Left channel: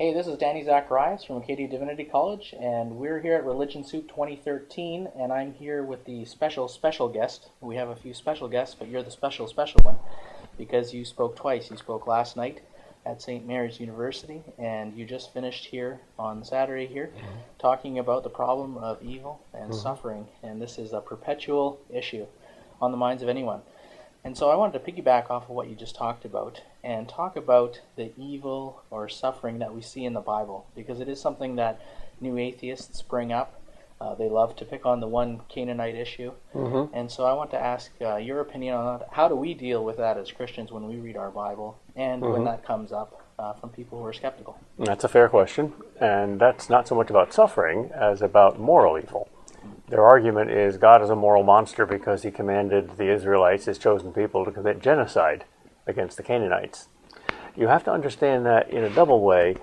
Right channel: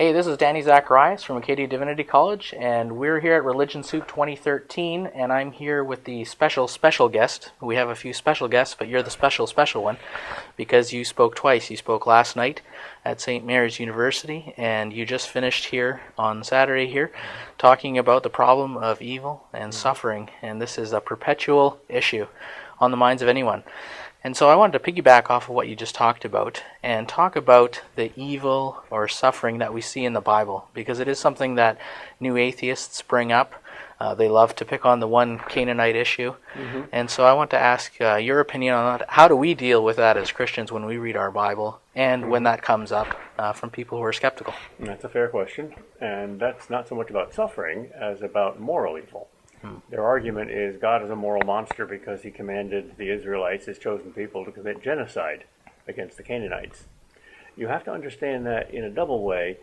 Hey, this is Danny Zacharias from Acadia Divinity College, and we're here at Religion Soup 2013, and I'm here with the special guest. We have a few special guests, but you're the special one because you spoke twice. You spoke last night at St. Mary's University, and you just finished here on Saturday here talking about the problem of evil and suffering, and this is a perpetual issue on the minds of anyone. And so I wanted to piggyback off of what you just talked about and talk about the evil or suffering that we see in the Bible, because it is something that new atheists bring up. They love to pick on the one Canaanite issue. And so I want to ask your opinion on that. How do we deal with that as Christians when we read our Bible and when that comes up from people who are skeptical? That's a fair question, and that's not so much about suffering as about moral evil. Their argument is God is a moral monster because he commanded the Israelites, his chosen people, to commit genocide against the Canaanites. You have to understand that in a double way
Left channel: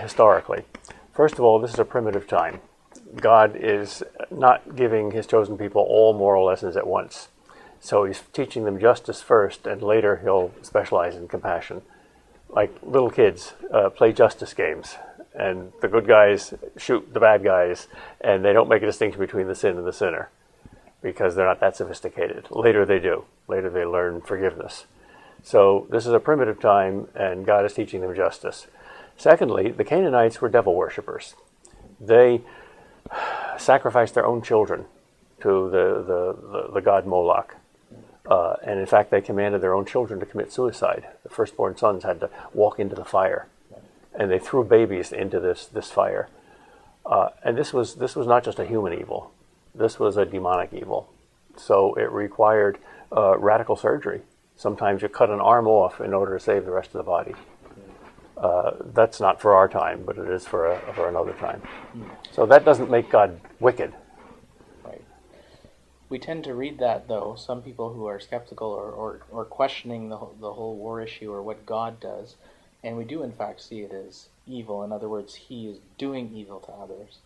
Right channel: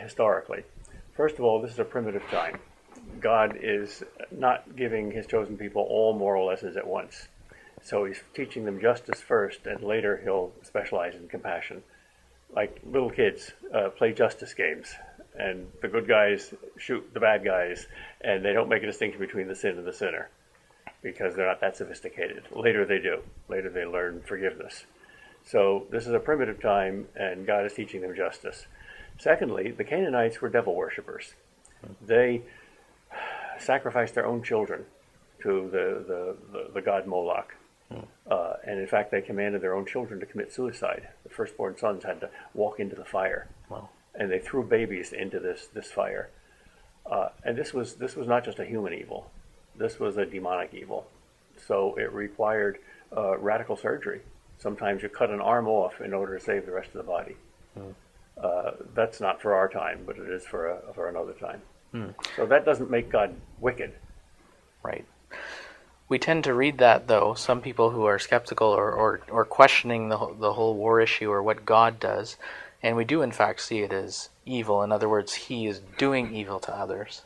historically. First of all, this is a primitive time. God is not giving his chosen people all moral lessons at once. So he's teaching them justice first, and later he'll specialize in compassion. Like little kids play justice games. And the good guys shoot the bad guys, and they don't make a distinction between the sin and the sinner because they're not that sophisticated. Later they do. Later they learn forgiveness. So this is a primitive time, and God is teaching them justice. Secondly, the Canaanites were devil worshippers. They sacrificed their own children to the god Moloch. And in fact, they commanded their own children to commit suicide. The firstborn sons had to walk into the fire. And they threw babies into this fire. And this was not just a human evil. This was a demonic evil. So it required radical surgery. Sometimes you cut an arm off in order to save the rest of the body. That's not for our time, but it is for another time. So that doesn't make God wicked. Right. We tend to read that, though. Some people who are skeptical or questioning the whole war issue or what God does, and we do, in fact, see it as evil. In other words, he is doing evil to others,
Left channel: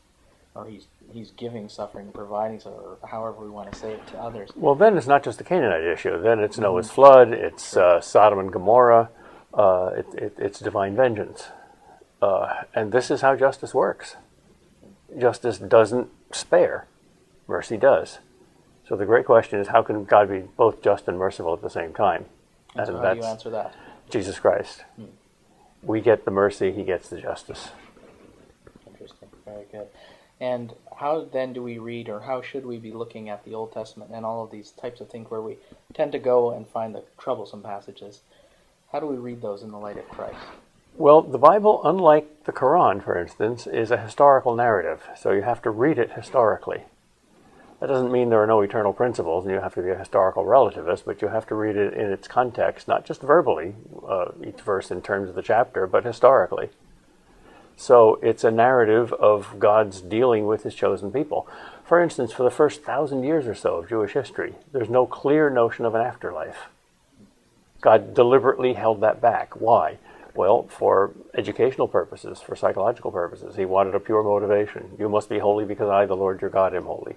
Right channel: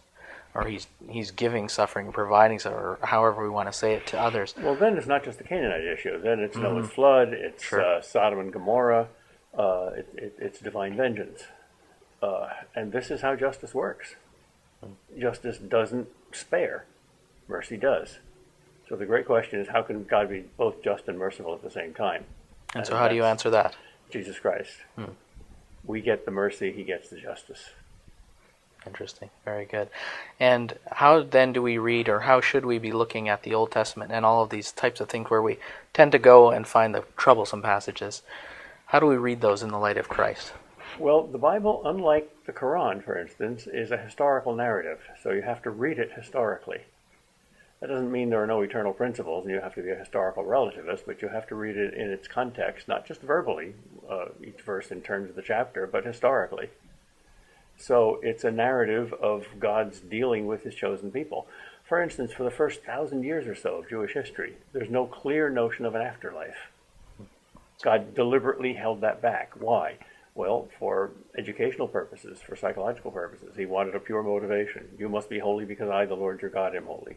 or he's giving suffering, providing suffering, or however we want to say it, to others. Well, then it's not just the Canaanite issue. Then it's Noah's flood, it's Sodom and Gomorrah, it's divine vengeance. And this is how justice works. Justice doesn't spare. Mercy does. So the great question is, how can God be both just and merciful at the same time? And so how do you answer that? Jesus Christ. We get the mercy, he gets the justice. Interesting. Very good. And how then do we read, or how should we be looking at the Old Testament and all of these types of things where we tend to go and find the troublesome passages? How do we read those in the light of Christ? Well, the Bible, unlike the Quran, for instance, is a historical narrative, so you have to read it historically. That doesn't mean there are no eternal principles and you have to be a historical relativist, but you have to read it in its context, not just verbally, each verse in terms of the chapter, but historically. So it's a narrative of God's dealing with his chosen people. For instance, for the first 1,000 years or so of Jewish history, there's no clear notion of an afterlife. God deliberately held that back. Why? Well, for educational purposes, for psychological purposes. He wanted a pure motivation. You must be holy because I, the Lord your God, am holy.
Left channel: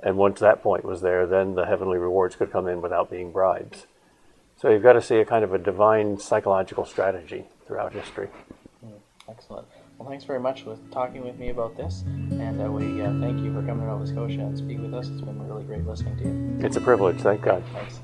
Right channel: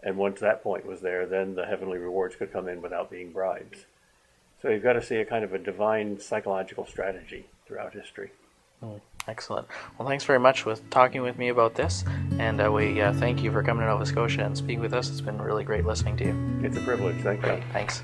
And once that point was there, then the heavenly rewards could come in without being bribes. So you've got to see a kind of a divine psychological strategy throughout history. Excellent. Well, thanks very much for talking with me about this, and we thank you for coming to Nova Scotia and speak with us. It's been really great listening to you. It's a privilege. Thank God. Thanks.